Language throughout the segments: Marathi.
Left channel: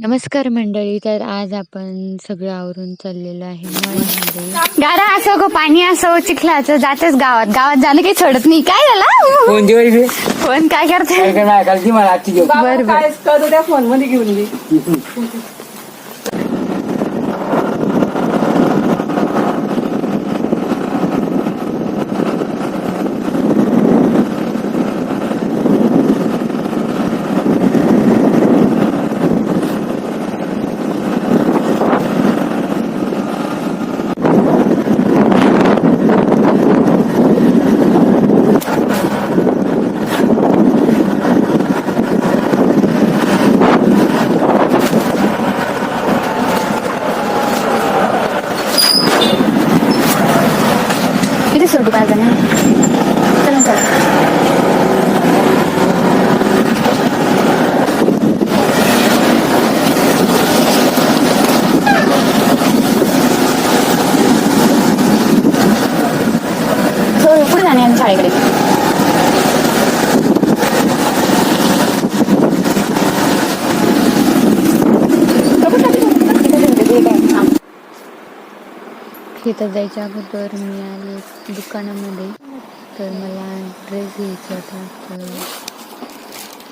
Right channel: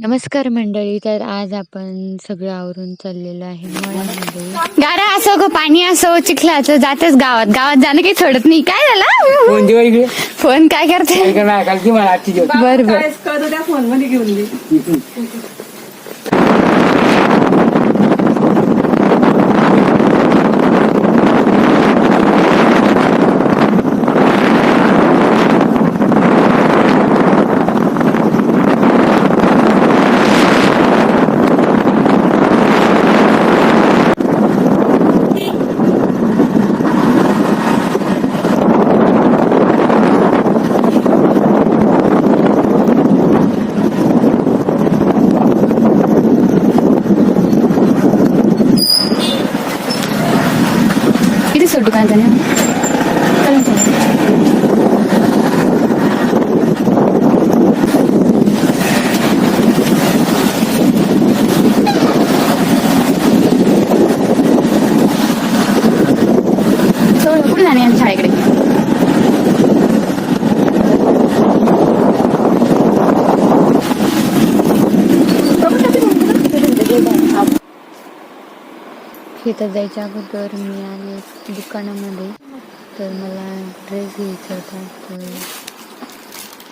नमस्कार मंडळी तर आज आपण सगळं आवरून चाललेलो आहे मळ्यामध्ये. गारा असो गो पाणी असो चिखलाचं जातेच गावात. गावात जाणं काही सोडत नाही. काय झालं? फोन काय करते? काय मला आजची बर बर. त्या फोनमध्ये घेऊन घे. किती सोडू काय जण चला चला चल, कुठे जाणे आम्ही शाळेकडे शेतात जायच्या अगोदर मी आले दुकानामध्ये. तर मला ड्रेस घ्यायचा होता. तर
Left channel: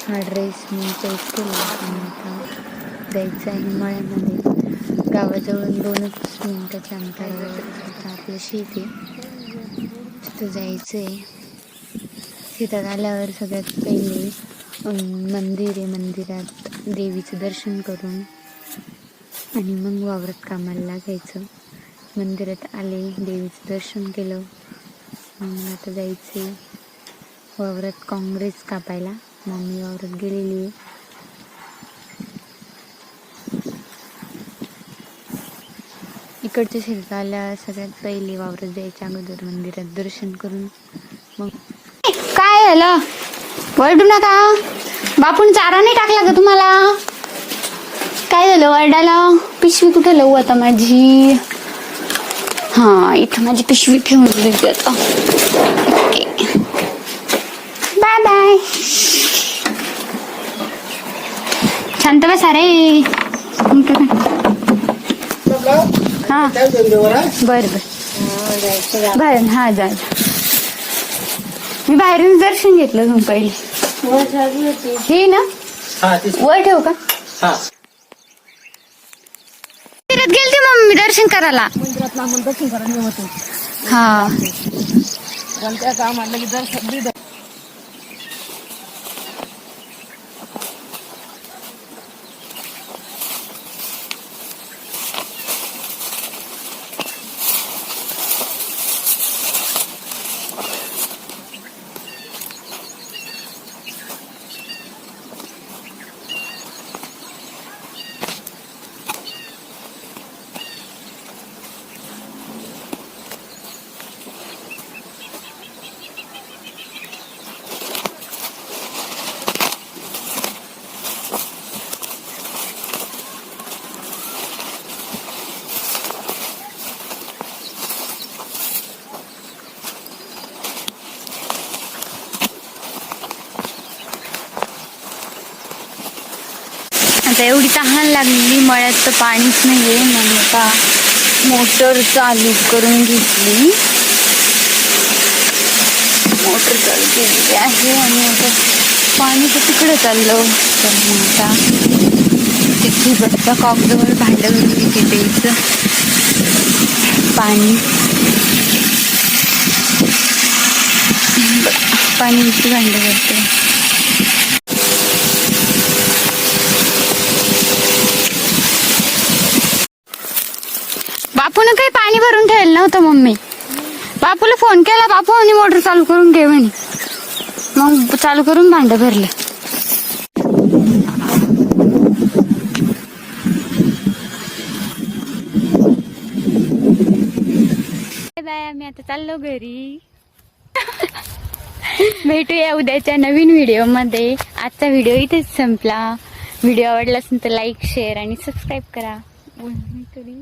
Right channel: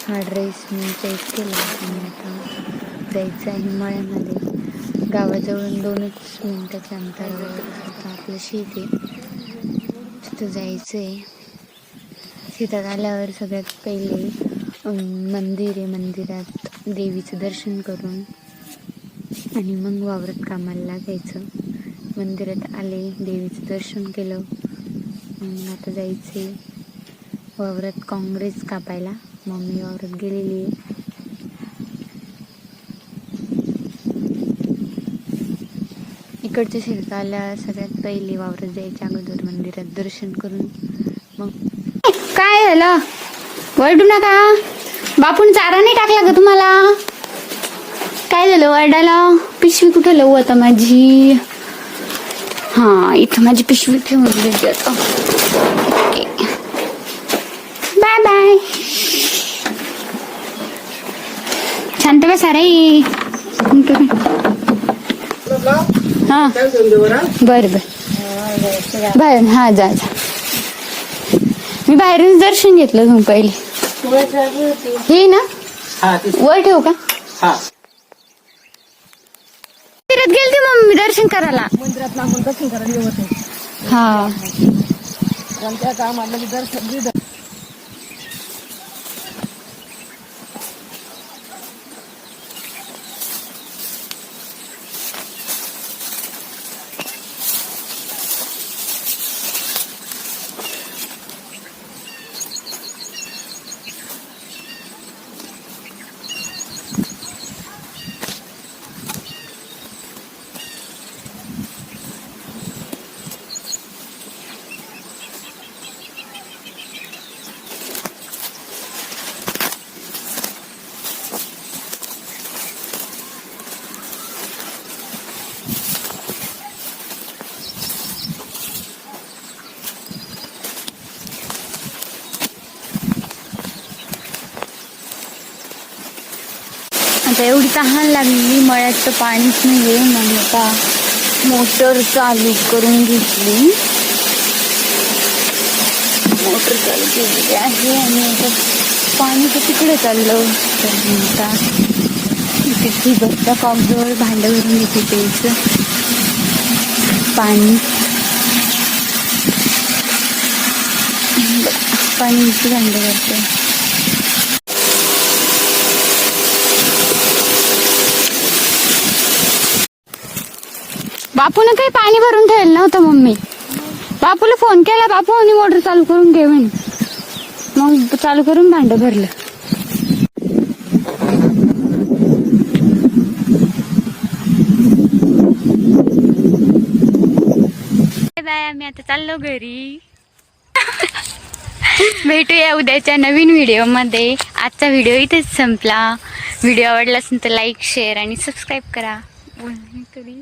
हा ड्रेस मी चॉईस केला. आणि आता जायचं आहे हिमाळ्यामध्ये गावाजवळून दोनच मिनटाच्या अंतरावर आता आपलं शेत आहे. तिथं जायचं आहे शेतात आल्यावर सगळ्यात पहिले मंदिर आहे. मंदिरात देवीचं दर्शन करून आणि मग वावरात कामाला लागायचं. मंदिरात आले देवीचं दर्शन केलं. मग आता जायचे वावरात काँग्रेस कापायला. मम्मी वावरात गेलेली आहे. इकडच्या शिल्पाला सगळ्यात पहिले वावरात जायच्या अगोदर मंदिरात दर्शन करून. मग काय झालं वरडू नका. बापून चारा नाही टाकला का तुम्हाला? काय झालं? वरडाला पिशवी कुठं लवू आता माझी? हा इथं माझी पिशवी ठेवून दिली आता. बाय बाय शांत बसा रे. हा. बर बर. बर हा जा जा. मी बाहेरून दर्शन घेतलं पहिले. हे ना? वर ठेव का? फिरत गेलते मग मी दर्शन करायला. मंदिरात लांबून दर्शन करायला हा. कामाला की दर्शन आता एवढी तहान लागली मळ्यात तर पाणीच नाहीये. मग आता मोटर चालू करून घेतली. मोटर चालू केलेली आहे आणि आता पाणी तर तिकडे चाललं. तर मग आता तिथे बसता कॉकजवळ भांडं करून घेते प्यायचं पाणी. पाणीची भांडं करते बापून काही पाणी भरून ठेवलं नव्हतं मम्मी. बापूला फोन केला बापू आणि मोटर चालू करून घे म्हणे. मग चालू करून भांड भरलं. बाय आम्ही आता चाललो घरी. भेटूया उद्याच्या नवीन व्हिडिओमध्ये. आजचा व्हिडिओ इथेच संपला. व्हिडिओ आवडला असेल तर लाईक शेअर आणि सबस्क्राईब करा. बोल मी तरी.